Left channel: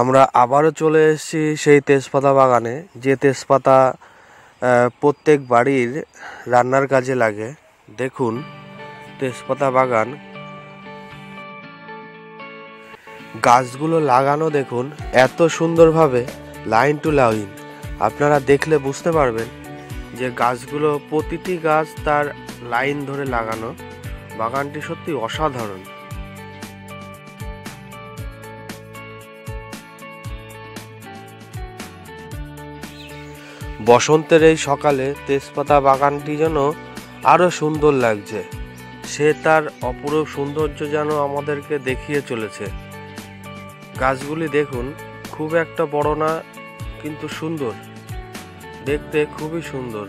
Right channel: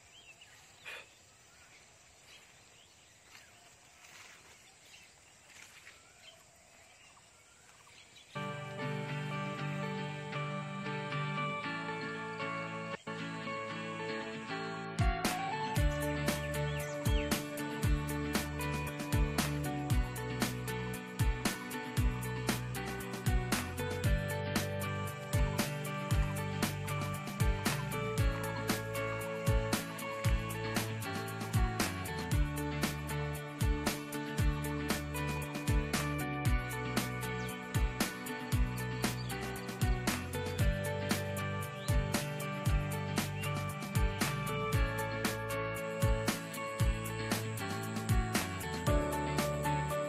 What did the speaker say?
আমরা আবারও চলে এসেছি সেই তেজপাতা বাগানে, যে তেজপাতা প্রত্যেক বাড়ির রান্নার কাজে লাগে। দেখুন তেজপাতা বাগান, গাছগুলো লাগানো দেখুন এত সুন্দরভাবে, লাইন টু লাইন। আপনারা দেখলে বুঝতে পারবেন যে গাছগুলো, প্রতিটি গাছ তার লাইন ধরে লাগানো। বাগানটি সত্যি অসাধারণ। বসন্তের এই সকালে তেজপাতা বাগানটি যেন আরো সুন্দর লাগছে। সে তার অপরূপ সৌন্দর্য যেন আমাদেরকে দেখিয়ে চলেছে। গাছগুলি দেখুন, খুব একটা বড় না, কিন্তু সুন্দর, দেখতে খুবই সুন্দর।